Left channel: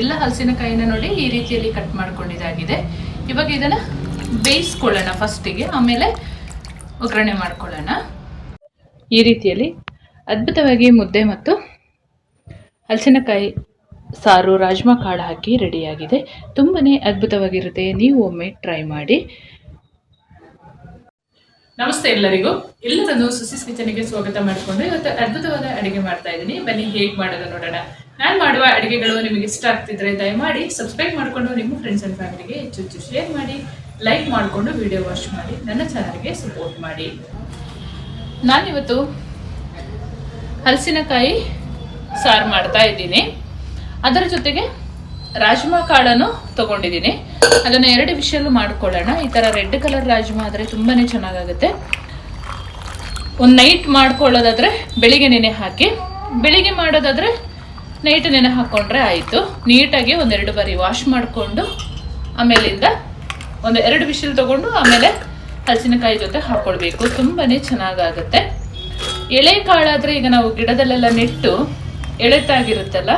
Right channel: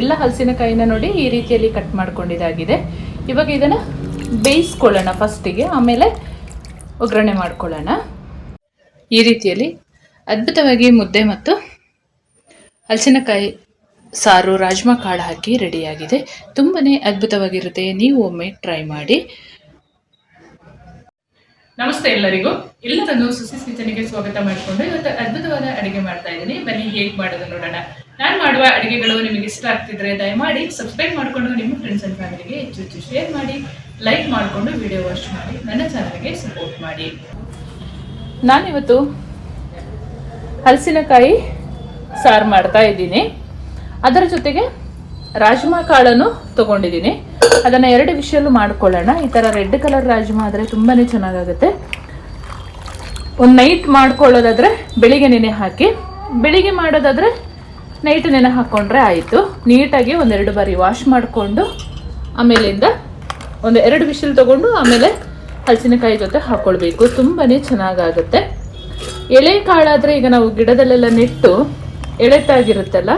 ಎಲ್ಲ ಹಲಸಿನಕಾಯಿನ ನೋಡಿ ಈ ರೀತಿಯಲ್ಲಿ ಕಟ್ ಮಾಡ್ಕೊಂಡಿದ್ದಾಗಿದೆ. ಇವಾಗ ಇದನ್ನು ಬೇಯಿಸ್ಕೊಳ್ಳೋಣ ಫಸ್ಟಿಗೆ ಆಮೇಲೆ ಒಗ್ಗರಣೆ ಮಾಡ್ಕೊಳ್ಳೋಣ. ಈ ರೀತಿಯಲ್ಲಿ ಅದ್ಭುತವಾಗಿ ಮುದ್ದೆ ಮತ್ತು ಹಲಸಿನಕಾಯಿ ಸಾರು, ರಾಜ್ಮಾ ಕಾಳು ಹಾಕಿ ರೆಡಿಯಾಗಿದೆ. ತುಂಬಾ ಅದ್ಭುತವಾಗಿರುತ್ತೆ. ನೀವು ಒಮ್ಮೆ ಟ್ರೈ ಮಾಡಿ. ನಮಸ್ತೆ ಎಲ್ಲರಿಗೂ. ಎಲ್ಲರನ್ನು ಸುಸಿ ಕಿಚನ್ಗೆ ಸ್ವಾಗತ ಮಾಡಿಕೊಂಡು ಇವತ್ತು ಅದ್ಭುತವಾದ ಅಡುಗೆ ಮಾಡ್ತಾ ಇದ್ದೀನಿ. ಬನ್ನಿ ಹೇಗೆ ಮಾಡೋದು ನೋಡೋಣ. ನಾನು ಮಾಡುವ ಅಡುಗೆಗಳು ನಿಮಗೆ ಇಷ್ಟ ಆಗ್ತಿದ್ರೆ ದಯಮಾಡಿ ಸಬ್ಸ್ಕ್ರೈಬ್ ಮಾಡಿಕೊಂಡು ನಿಮ್ಮ ಫ್ರೆಂಡ್ಸ್ ಅಂಡ್ ಫ್ಯಾಮಿಲಿಗೆ ಹೆಚ್ಚು ಹೆಚ್ಚು ಶೇರ್ ಮಾಡಿ ಲೈಕ್ ಮಾಡಿಕೊಂಡು ವಿಡಿಯೋ ವಾಚ್ ಮಾಡಿ, ನನ್ನ ಚಾನಲ್ಗೆ ಸಪೋರ್ಟ್ ಮಾಡಿ. ನಾನಿವತ್ತು ಹಲಸಿನಕಾಯಿ ಸಾರು ಮಾಡ್ತಾ ಇದ್ದೀನಿ. ಅದರ ಜೊತೆಗೆ ರಾಜ್ಮಾ ಕಾಳನ್ನು ತಗೊಂಡಿದ್ದೀನಿ. ಅದನ್ನು ಎರಡು ವಿಷಯಲ್ಲೂ ಮಾಡ್ಕೊಳ್ಳೋಣ. ಈ ಥರ ರೆಡ್ ಕಲರ್ ರಾಜ್ಮಾ ಆದರೆ ತುಂಬಾ ಚೆನ್ನಾಗಾಗುತ್ತೆ. ಒಂದು ನೈಟ್ ಮಾಡ್ಕೊಳ್ಳೋದಾದರೆ ಬೆಳಿಗ್ಗೆ ನೆನೆ ಹಾಕಿ, ಬೆಳಿಗ್ಗೆ ಮಾಡೋದಾದರೆ ನೈಟ್ ನೆನೆ ಹಾಕ್ಕೊಂಡ್ರೆ ಆಯಿತು. ನೀಟಾಗಿ ಒಂದೆರಡು ಬಾರಿ ವಾಶ್ ಮಾಡಿಕೊಂಡು, ಆಮೇಲಿಂದ ಒಂದು ಎರಡು ಬಿಸಿಲ್ ತೊಗೊಂಡು ಆಮೇಲೆ ಹಲಸಿನಕಾಯಿ ಜೊತೆ ಹಾಕ್ಕೊಳ್ಬೇಕು ತುಂಬಾ ಚೆನ್ನಾಗಾಗುತ್ತೆ. ಎಳೆ ಕಾಳಾದರೆ ಈಗ ನಾವು ಗಿಡದಲ್ಲೆಲ್ಲ ನೆಟ್ಟು ಎಳೆತಾಗಿರುತ್ತಲ್ಲ,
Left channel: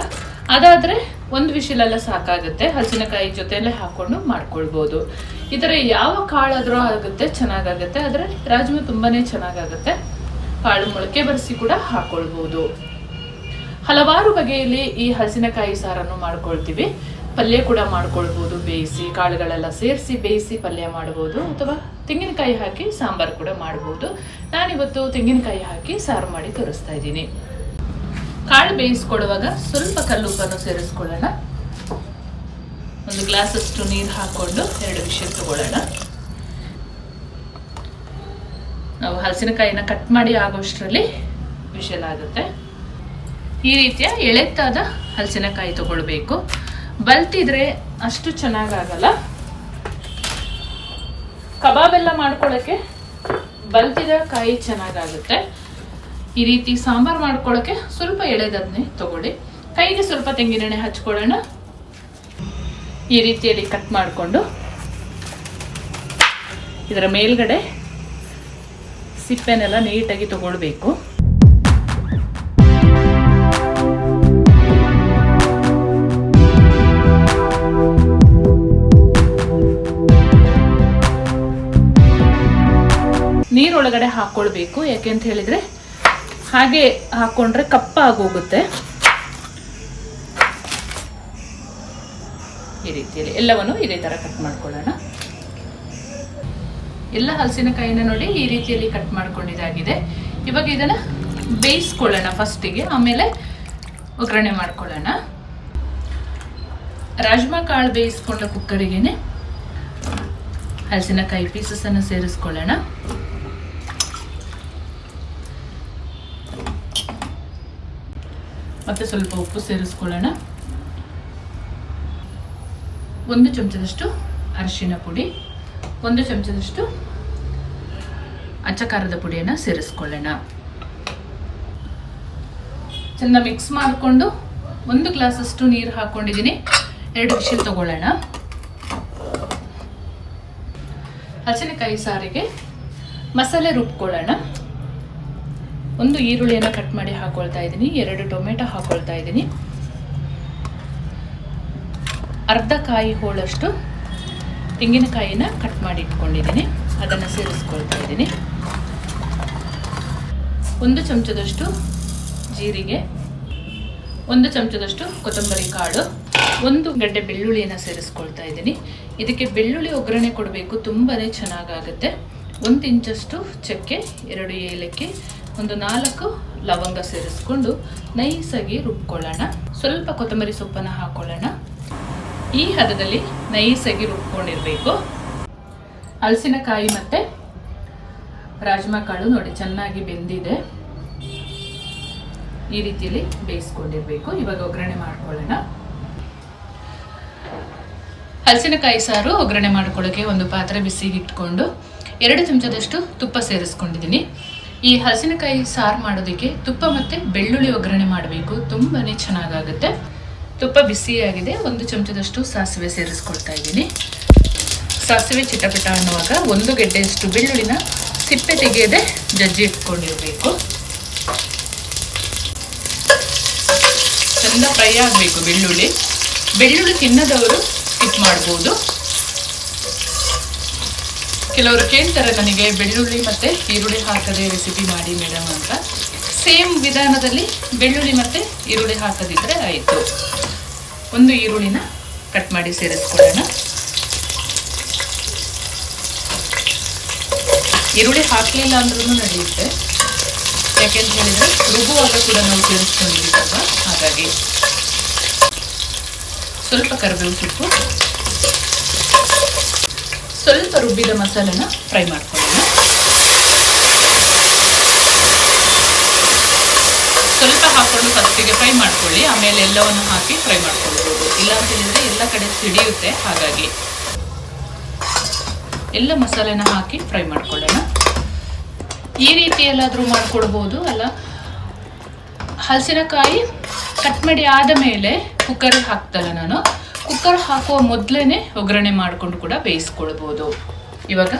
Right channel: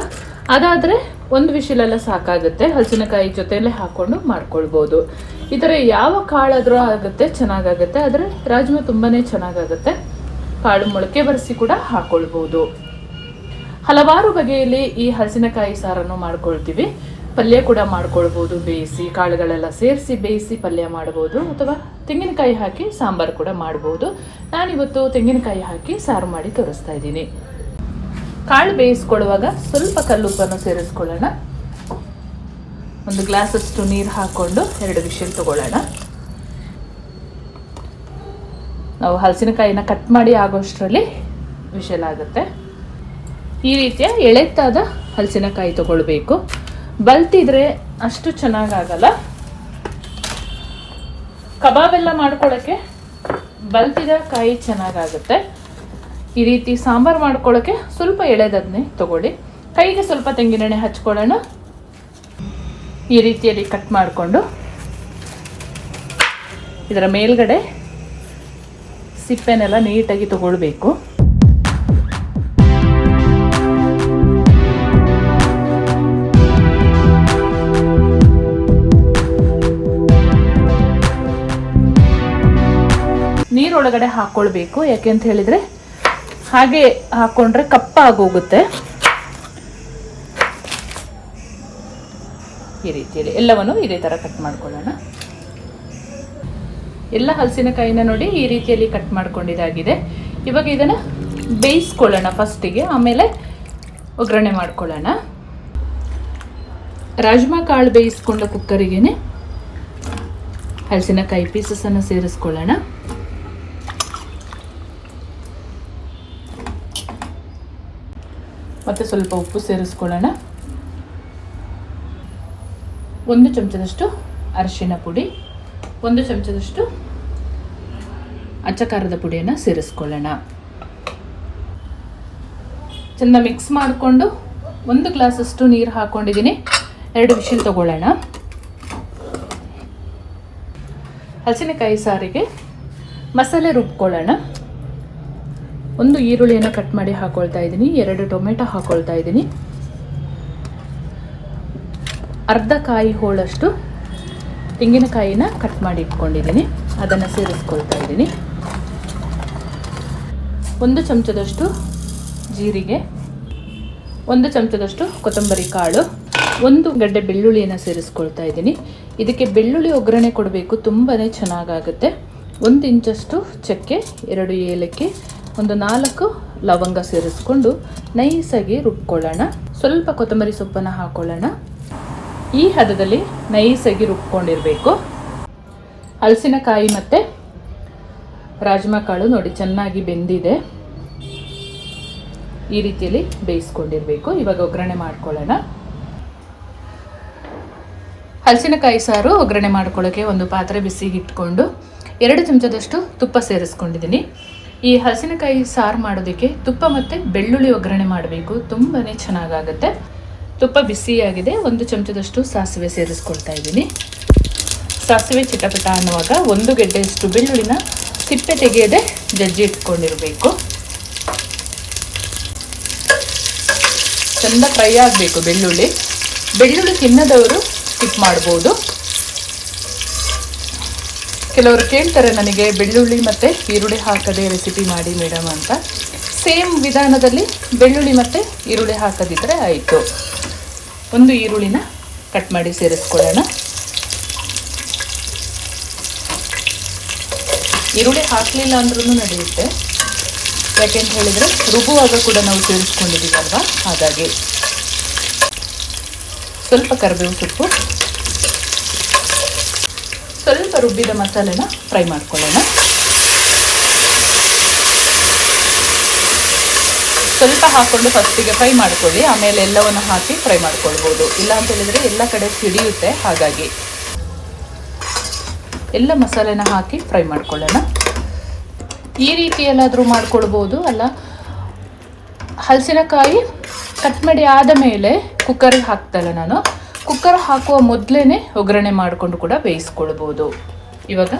ಅದಾದರೆ ಒಂದು ವಿಷಲೆಲ್ಲ ಸಾಕಾಗುತ್ತೆ. ಹಲಸಿನಕಾಯಿ ಜೊತೆಯಲ್ಲೇ ಹಾಕ್ಕೊಂಡು ಮಾಡ್ಕೊಳ್ಬೋದು. ಈ ಥರ ಯಾವ ಕಾಳಾದರೂ ಆಗುತ್ತೆ, ಚೆನ್ನಾಗಾಗುತ್ತೆ. ಆದರೆ ರಾಜ್ಮಾ ತುಂಬಾ ಚೆನ್ನಾಗಾಗುತ್ತೆ. ಕಾಳು ಮೊಳಕೆ ಬರೆಸಿ ಕೂಡ ಹಾಕ್ಕೊಳ್ಬೋದು ಹಲವಾರು ಬಗೆಯಲ್ಲಿ ಈ ಹಸಿನಕಾಯಿ ಸಾರನ್ನು ಮಾಡ್ಕೊಳ್ತೀವಿ. ಪಲ್ಯ ಕೂಡ ಮಾಡ್ಕೊಳ್ಬೋದು, ಬೇಯಿಸಿ, ಕಾಳುಗಳೆಲ್ಲ ಸೇರಿಸಿ ಬೇಯಿಸಿ ಪಲ್ಯ ಮಾಡ್ಬೋದು ಅಥವಾ ತೆಂಗಿನಕಾಯಿ ಹಾಕಿ ಸಾಂಬಾರು ಕೂಡ ಮಾಡ್ಬೋದು. ನಾನಿವತ್ತು ತೆಂಗಿನಕಾಯಿ ಹಾಕಿ ಸಾರು ಮಾಡಿ ತೋರಿಸ್ತಾ ಇದ್ದೀನಿ. ಕಾಳು ಬೇಯಿಸ್ಕೊಳ್ಳುವಾಗ ಸ್ವಲ್ಪ ಕಲ್ಲುಪ್ಪನ್ನು ಸೇರಿಸ್ಕೊಳ್ಳೋಣ. ಒಂದು ಗ್ಲಾಸಷ್ಟು ನೀರು ಹಾಕ್ಕೊಂಡು ಎರಡು ವಿಷಲ್ ತಗೊಳ್ಳೋಣ. ನಾವು ಹಲಸಿನಕಾಯಿನ ಕಟ್ ಮಾಡಿ ಆಗೋಷ್ಟರಲ್ಲಿ ವಿಷಲ್ ಆಗುತ್ತೆ. ಈ ರೀತಿಯ ಎಳೆತ್ತಾದ ಹಲಸಿನಕಾಯಿ ತಗೊಳ್ಬೇಕು. ಬಲ್ತಿದ್ರೆ ಅಷ್ಟು ಚೆನ್ನಾಗಾಗಲ್ಲ. ಕಬಾಬ್ ಎಲ್ಲ ಮಾಡ್ಕೊಳ್ಳೋಕ್ಕೆ ಬಲ್ತಿದ ಕಾಯಿ ಚೆನ್ನಾಗಾಗುತ್ತೆ. ಈ ರೀತಿ ಸಾಂಬಾರು ಮಾಡ್ಕೊಳ್ಳೋಕ್ಕೆ ಸ್ವಲ್ಪ ಎಳೆದನ್ನೇ ತಗೊಳ್ಳಿ. ಕೈಗೆ ಸ್ವಲ್ಪ ತೆಂಗಿನೆಣ್ಣೆ ಹಚ್ಕೊಳ್ಳೋಣ. ಈ ರೀತಿಯಲ್ಲಿ ಕಟ್ ಮಾಡಿಕೊಂಡು ಇದರ ಮೇಲ್ಗಡೆ ಸಿಪ್ಪೆನೆಲ್ಲ ನೀಟಾಗಿ ತಗೊಳ್ಬೇಕು. ನೀರೊಳಗಡೆ ಹಾಕ್ಕೊಳ್ಬೇಕು ಯಾಕೆಂತ ಹೇಳಿದ್ರೆ ಹಾಗೆ ಹಾಕೊಂಡ್ರೆ ಕಪ್ಪ ಆಗೋಗುತ್ತೆ ಈ ರೀತಿಯಲ್ಲಿ ಎಲ್ಲವನ್ನು ಇದೇ ಥರ ಕಟ್ ಮಾಡ್ಕೊಳ್ಳೋಣ. ಎಲ್ಲ ಹಲಸಿನಕಾಯಿನ ನೋಡಿ ಈ ರೀತಿಯಲ್ಲಿ ಕಟ್ ಮಾಡ್ಕೊಂಡಿದಾಗಿದೆ ಇವಾಗ ಇದನ್ನು ಬೇಯಿಸ್ಕೊಳ್ಳೋಣ ಫಸ್ಟಿಗೆ, ಆಮೇಲೆ ಒಗ್ಗರಣೆ ಮಾಡ್ಕೊಳ್ಳೋಣ. ರಾಜ್ಮಾ ಕಾಳು ಬೇಯಿಸ್ಕೊಂಡ ಕುಕ್ಕರಿಗೇನೆ ಹಲಸಿನಕಾಯಿ ಪೀಸಸನ್ನು ಸೇರಿಸ್ಕೊಳ್ಳೋಣ. ಮತ್ತು ಸ್ವಲ್ಪ ಉಪ್ಪು ಸೇರಿಸ್ಕೊಳ್ಳೋಣ. ಒಂದು ಚಮಚದಷ್ಟು ಅರಿಶಿನ ಪುಡಿ, ಒಂದು ಚಮಚದಷ್ಟು ಅಚ್ಚಕಾರದ ಪುಡಿಯನ್ನು ಸೇರಿಸ್ಕೊಳ್ಳೋಣ. ಚೆಂದ ಮಿಕ್ಸ್ ಮಾಡಿಕೊಂಡು ಒಂದು ಗ್ಲಾಸಷ್ಟು ನೀರು ಹಾಕ್ಕೊಂಡಿದ್ದೀನಿ ಎರಡು ವಿಷಲ್ ತಗೊಳ್ಳೋಣ. ಹಸಿನಕಾಯಿ ಸಾರಿಗೆ ಮಸಾಲೆ ರುಬ್ಕೊಳ್ಳೋಣ. ಒಂದು ಈರುಳ್ಳಿಯನ್ನು ಕಟ್ ಮಾಡಿ ಹಾಕೊಳ್ತಾ ಇದ್ದೀನಿ, ಎರಡು ಟೊಮೆಟೊ ಹಾಕೊಳ್ತಾ ಇದ್ದೀನಿ. ಅರ್ಧ ಕಾಯಿ ಹೋಳಷ್ಟು ತೆಂಗಿನಕಾಯಿನ ಕಟ್ ಮಾಡಿ ಇಟ್ಕೊಂಡಿದ್ದೀನಿ, ಅದನ್ನು ಸೇರಿಸ್ಕೊಳ್ತಾ ಇದ್ದೀನಿ. ಒಂದು ಚಮಚದಷ್ಟು ಜೀರಿಗೆ, ಒಂದು ಚಮಚದಷ್ಟು ಕೊತ್ತಂಬರಿ ಕಾಳು, ಒಂದು ಗಡ್ಡೆ ಬೆಳ್ಳುಳ್ಳಿಯನ್ನು ಸೇರಿಸ್ಕೊಳ್ತಾ ಇದ್ದೀನಿ. ಇದಕ್ಕೆ ಬೆಳ್ಳುಳ್ಳಿ ಒಗ್ಗರಣೆ ಕೊಡಬೇಕು ತುಂಬಾ ಚೆನ್ನಾಗಾಗುತ್ತೆ. ಒಂದು ಇಂಚಷ್ಟು ಚಕ್ಕೆ, ಎರಡು ಏಲಕ್ಕಿ ಒಂದು ನಾಲ್ಕು ಲವಂಗ ಸೇರಿಸ್ಕೊಂಡು ನೈಸಾಗಿ ರುಬ್ಕೊಳ್ಳೋಣ. ಸ್ವಲ್ಪ ಕೊತ್ತಂಬರಿ ಸೊಪ್ಪನ್ನು ಹಾಕೊಳ್ಳೋಣ. ಈ ಹದದಲ್ಲಿ ನೈಸಾಗಿ ರುಬ್ಕೊಂಡಿರಬೇಕು. ಹಲಸಿನಕಾಯಿ ಮತ್ತು ರಾಜ್ಮಾ ಕಾಳು ನೋಡಿ, ಚೆನ್ನಾಗಿ ಬೆಂದಿದೆ. ಈ ರೀತಿಯಲ್ಲಿ ಬೇಯಿಸ್ಕೊಂಡಿರಬೇಕು. ಇವಾಗ ಒಗ್ಗರಣೆ ಮಾಡ್ಕೊಳ್ಳೋಣ. ಹಲಸಿನಕಾಯಿ ಸಾರು ಒಗ್ಗರಣೆ ಮಾಡ್ಕೊಳ್ಳೋಕ್ಕೆ ಒಂದು ಪಾತ್ರೆ ಬಿಸಿಗೆ ಇಟ್ಕೊಂಡು ಎರಡು ಚಮಚದಷ್ಟು ತುಪ್ಪ ಸೇರಿಸ್ಕೊಂಡಿದ್ದೀನಿ. ಈ ಹಲಸಿನಕಾಯಿ ಸಾರು ಮಾಡೋದಕ್ಕೆ ತುಪ್ಪ ಮತ್ತು ಬೆಳ್ಳುಳ್ಳಿ ಒಗ್ಗರಣೆ ಮಾಡಬೇಕು. ತುಂಬಾ ಚೆನ್ನಾಗಾಗುತ್ತೆ. ತುಪ್ಪ ಬಿಸಿಯಾಗಿದೆ. ಒಂದು ಚಮಚದಷ್ಟು ಸಾಸಿವೆ ಸೇರಿಸ್ಕೊಳ್ತಾ ಇದ್ದೀನಿ. ಸಾಸಿವೆ ಚಿಟಪಟ ಅನ್ನುವಾಗ ಒಂದು ಗೆಡ್ಡೆಯಷ್ಟು ಬೆಳ್ಳುಳ್ಳಿನ ಸಿಪ್ಪೆ ತೆಗೆಯದೆ ಜಜ್ಜಿ ಇಟ್ಕೊಂಡಿರಬೇಕು. ಚಂದ ಫ್ರೈ ಆಗಬೇಕು ಬೆಳ್ಳುಳ್ಳಿ. ಬೆಳ್ಳುಳ್ಳಿ ತಿನ್ನದವರು ಸ್ಕಿಪ್ ಮಾಡ್ಬೋದು. ಕೆಲವರು ಕೇಳ್ತಾರೆ, ನನಗೆ ಬೆಳ್ಳುಳ್ಳಿ ಮತ್ತು ಈರುಳ್ಳಿ ಹಾಕದೆ ರೆಸಿಪಿ ಮಾಡಿ ಮೇಡಮ್ ಅಂತ. ಸೇಮ್ ವಿಧಾನದಲ್ಲಿ ಬೆಳ್ಳುಳ್ಳಿ ಮತ್ತು ಈರುಳ್ಳಿ ಹಾಕದಿದ್ದರೆ ಆಯಿತು. ಒಂದು ಈರುಳ್ಳಿನ ಕಟ್ ಮಾಡಿ ಸೇರಿಸ್ಕೊಳ್ಳೋಣ. ಈರುಳ್ಳಿ ಹಾಕಲಿಲ್ಲ ಅಂದ್ರೂ ನಡೆಯುತ್ತೆ. ಯಾಕೆಂತ ಹೇಳಿದರೆ ರುಬ್ಬುವಾಗ ಕೂಡ ನಾವು ಸೇರಿಸ್ಕೊಂಡಿದ್ದೀವಲ್ವಾ? ಹಾಗಾಗಿ ಸ್ವಲ್ಪ ಕರಿಬೇವು ಸೊಪ್ಪು ಸ್ವಲ್ಪ ರುಬ್ಬಿದ ಮಸಾಲೆನ ಫ್ರೈ ಮಾಡ್ಕೊಳ್ಳೋಣ. ಸ್ವಲ್ಪ ಹಾಕ್ಕೊಂಡು ಫಸ್ಟಿಗೆ ಫ್ರೈ ಮಾಡ್ಕೊಳ್ಳಿ, ಆಮೇಲೆ ಎಲ್ಲವನ್ನು ಹಾಕಿ ಫ್ರೈ ಮಾಡ್ಕೊಳ್ಬೋದು. ಇಲ್ಲ ಅಂತ ಹೇಳಿದರೆ ಎಲ್ಲ ಕಡೆ ಸಿಡಿಯುತ್ತೆ, ಹಾಗಾಗಿ. ಎಲ್ಲ ಮಸಾಲೆನ ಹಾಕಿ ಫ್ರೈ ಮಾಡ್ಕೊಳ್ಳೋಣ. ಈ ರೀತಿ ಎಲ್ಲಾದರೂ ಮಾಡ್ಕೊಳ್ಬೋದು, ಅಲ್ಲ? ಹಲಸಿನಕಾಯಿ ಕಟ್ ಮಾಡಿ ಆದ ಮೇಲೆ ಕುಕ್ಕರಿಗೆ ಹಾಕ್ತಲ್ಲ ನಾನು. ಕುಕ್ಕರ್ ಹಾಕುವ ಮೊದಲೇ ಒಗ್ಗರಣೆ ಮಾಡಿಕೊಂಡು ಕೂಡ ಬೇಯಿಸ್ಕೊಳ್ಬೋದು. ಇವಾಗ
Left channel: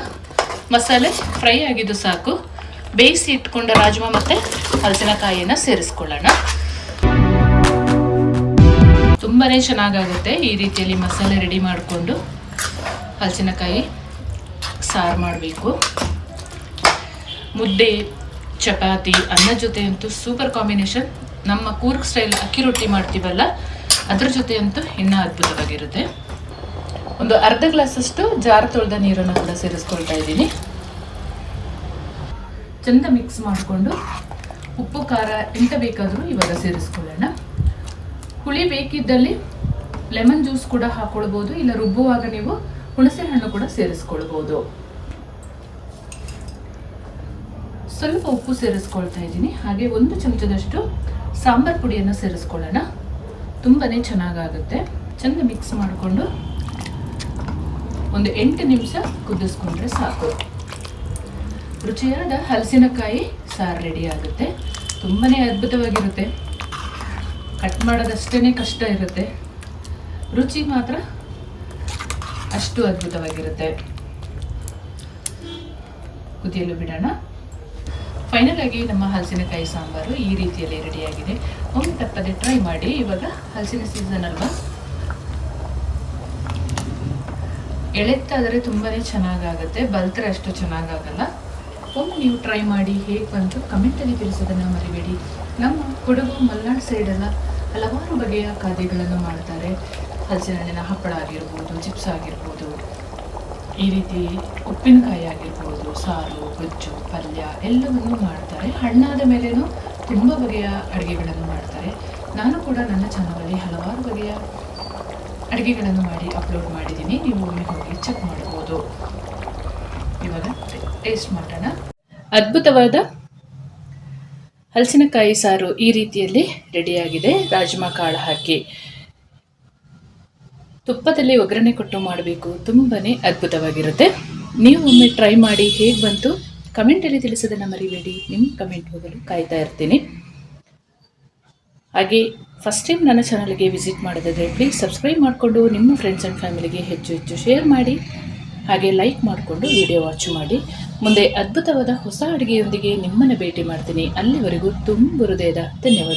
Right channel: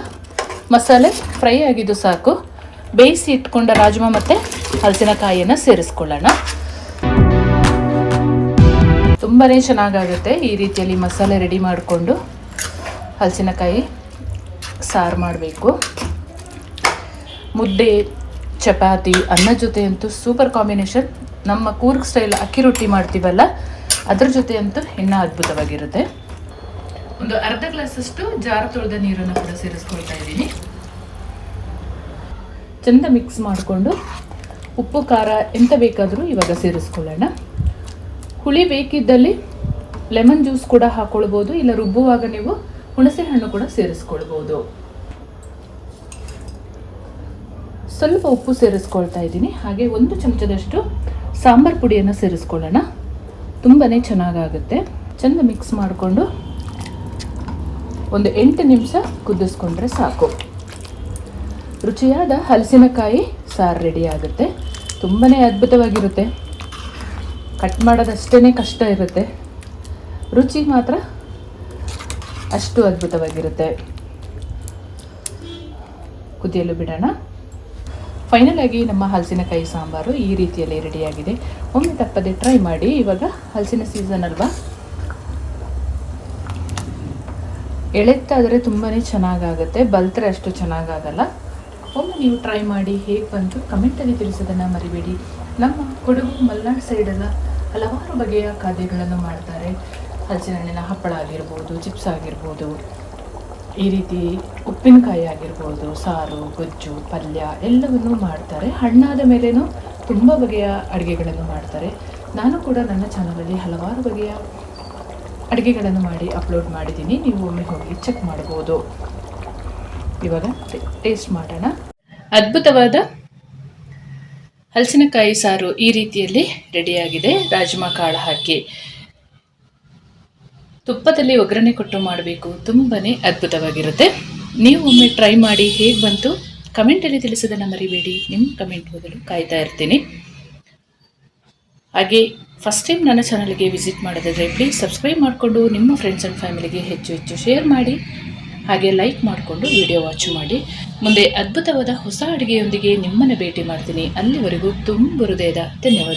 ಮಸಾಲೆ ಫ್ರೈ ಆಗಿದ್ದು ಸಾಕು. ಬೇಯಿಸಿ ಇಟ್ಕೊಂಡ ರಾಜ್ಮಾ ಮತ್ತು ಹಲಸಿನಕಾಯಿಯನ್ನು ಸೇರಿಸ್ಕೊಳ್ಳೋಣ. ತುಂಬಾ ಚೆನ್ನಾಗಾಗುತ್ತೆ ಈ ರೀತಿಯಲ್ಲಿ ಮಸಾಲೆ ರೆಡಿ ಮಾಡಿಕೊಂಡು ಹಲಸಿನಕಾಯಿ ಸಾರು ಮಾಡಬೇಕು. ಮುದ್ದೆ, ಚಪಾತಿ, ಅನ್ನ ಜೊತೆ ಅಂತೂ ಸೂಪರ್ ಕಾಂಬಿನೇಷನ್. ನಮ್ಮ ಕೂರ್ಗ್ ಸ್ಟೈಲ್ ಅಕ್ಕಿ ರೊಟ್ಟಿ ಮಾಡ್ತೀವಲ್ಲ ಅದ್ರ ಜೊತೆ ಅಂತೂ ಇನ್ನೂ ಅದ್ಭುತವಾಗಿರುತ್ತೆ. ಒಂದು ಅರ್ಧ ಗ್ಲಾಸಷ್ಟು ಜಾರ್ ತೊಳೆದ ನೀರನ್ನು ಕೂಡ ಸೇರಿಸ್ಕೊಳ್ತಾ ಇದ್ದೀನಿ. ಚೆಂದ ಮಿಕ್ಸ್ ಮಾಡಿಕೊಂಡು ಉಪ್ಪು, ಖಾರ ಎಂತ ಬೇಕಾದರೂ ಇವಾಗ ಸೇರಿಸ್ಕೊಳ್ಳೋಣ. ಹುಳಿ ಬೇಕಿದ್ದಲ್ಲಿ ಲೆಮನ್ ಜ್ಯೂಸ್ ಕೂಡ ಹಾಕ್ಕೊಳ್ಬೋದು ಇಲ್ಲ ರುಬ್ಬುವಾಗ ನೀವು ಹುಣಸೆ ಹಣ್ಣು ಕೂಡ ಸೇರಿಸ್ಕೊಳ್ಬೋದು. ಸ್ವಲ್ಪ ಉಪ್ಪು ಸೇರಿಸ್ಕೊಳ್ತಾ ಇದ್ದೀನಿ. ಹಾಗೆ ಒಂದು ಚಮಚದಷ್ಟು ಸಾಂಬಾರ್ ಪುಡಿಯನ್ನು ಸೇರಿಸ್ಕೊಳ್ಳೋಣ. ತುಂಬಾ ಚೆನ್ನಾಗಾಗುತ್ತೆ. ಚೆಂದ ಮಿಕ್ಸ್ ಮಾಡಿಕೊಂಡು ಒಂದು ಎಂಟು ನಿಮಿಷ ಕುದಿಸ್ಕೊಂಡ್ರೆ ಸಾಕು. ರುಚಿಯಾದ ಹಲಸಿನಕಾಯಿ ಸಾರು ರೆಡಿ ಆಗುತ್ತೆ. ತುಂಬಾ ಅದ್ಭುತವಾಗಿರುತ್ತೆ. ಕಟ್ ಮಾಡೋದಷ್ಟೇ ಕಷ್ಟ ಇರುತ್ತೆ. ರುಚಿ ಮಾತ್ರ ಅಷ್ಟು ಅದ್ಭುತವಾಗಿರುತ್ತೆ. ಕುದಿಯಲು ಬಿಡೋಣ. ಫೈನಲ್ ಆಗಿ ನಮ್ಮ ಹಲಸಿನಕಾಯಿ ಸಾಂಬಾರು ಈ ರೀತಿಯಲ್ಲಿ ರೆಡಿಯಾಗಿದೆ ಒಮ್ಮೆ ತಪ್ಪದೆ ಟ್ರೈ ಮಾಡಿ. ಇವಾಗ ಹಲಸಿನ ಸೀಸನ್ ಅಲ್ವಾ? ಎಳೆತ್ತಾದರೆ ತುಂಬಾ ಚೆನ್ನಾಗಾಗುತ್ತೆ. ಬಲ್ತರೆ ಅಷ್ಟು ಚೆನ್ನಾಗಾಗಲ್ಲ. ಒಮ್ಮೆ ನೀವು ಟ್ರೈ ಮಾಡಿ ಹೇಗೆ ಬಂತು ಕಮೆಂಟಲ್ಲಿ ತಿಳಿಸೋದನ್ನು ಮರಿಬೇಡಿ. ನಮ್ಮ ಕೊಡಗು ಮಲೆನಾಡು ಸೈಡೆಲ್ಲ ಹಲವಾರು ಬಗೆಯ ಖಾದ್ಯಗಳನ್ನು ಮಾಡ್ತಾರೆ. ಹಲಸಿನ ಹಣ್ಣಿನ ಹಪ್ಪಳ ಆಗಿರ್ಬೋದು, ಚಿಪ್ಸ್ ಆಗಿರ್ಬೋದು. ಈ ರೀತಿ ಉಪ್ಪಿನಕಾಯಿ ಆಗಿರ್ಬೋದು, ಸಾರು, ಗೊಜ್ಜು, ಪಲ್ಯ ಎಲ್ಲವನ್ನೂ ಮಾಡ್ತಾರೆ. ಹಣ್ಣಾದ ಮೇಲೇನು ತುಂಬ ಬಗೆಯ ಅಡುಗೆಗಳನ್ನು ಮಾಡ್ತಾರೆ. ನಾನು ಕೂಡ ನನ್ನ ಚಾನಲಲ್ಲಿ ಹಲವಾರು ಬಗೆಯ ಅಡುಗೆಗಳನ್ನು ಮಾಡಿ ಅಪ್ಲೋಡ್ ಮಾಡಿದ್ದೀನಿ. ನೀವು ಒಮ್ಮೆ ಹೋಗಿ ಚೆಕ್ ಮಾಡ್ಬೋದು. ಇವಾಗ ಟೇಸ್ಟ್ ಮಾಡೋಣ. ಅದ್ಭುತವಾದ ಹಲಸಿನಕಾಯಿ ಸಾರು ಈ ರೀತಿಯಲ್ಲಿ ರೆಡಿಯಾಗಿದೆ. ರಾಜ್ಮಾ ಕಾಳು ಹಾಕಿ. ತುಪ್ಪದಲ್ಲಿ ಒಗ್ಗರಣೆ ಕೊಟ್ಟು ಮಾಡಬೇಕು. ತುಂಬಾ ಅದ್ಭುತವಾಗಿರುತ್ತೆ. ನೀವು ಒಮ್ಮೆ ಟ್ರೈ ಮಾಡಿ ಹೇಗೆ ಬಂತು? ಕಮೆಂಟಲ್ಲಿ ತಿಳಿಸೋದನ್ನು ಮರಿಬೇಡಿ. ನಿಮ್ಮ ಕಮೆಂಟ್ ಓದಲು ಕಾಯ್ತಾ ಇರ್ತೀನಿ. ಹಾಗೆ ಫಸ್ಟ್ ಟೈಮ್ ನನ್ನ ಚಾನಲ್ಗೆ ವಿಸಿಟ್ ಮಾಡೋದಾದರೆ ಪ್ಲೀಸ್ ಸಬ್ಸ್ಕ್ರೈಬ್ ಮಾಡಿಕೊಂಡು ನಿಮ್ಮ ಫ್ರೆಂಡ್ಸ್ ಆ್ಯಂಡ್ ಫ್ಯಾಮಿಲಿಗೆ ಹೆಚ್ಚು ಹೆಚ್ಚು ಶೇರ್ ಮಾಡಿ. ಹಾಗೆ ಲೈಕ್ ಮಾಡಿಕೊಂಡು ವಿಡಿಯೋ ವಾಚ್ ಮಾಡಿ. ಮುಂದೆ ಅದ್ಭುತವಾದ ಹೊಸ ಅಡುಗೆಯೊಂದಿಗೆ ನಿಮ್ಮನ್ನು ಭೇಟಿ ಮಾಡ್ತೀನಿ. ಅಲ್ಲಿವರೆಗೂ ತುಂಬ ಹೃದಯದ ಧನ್ಯವಾದಗಳು.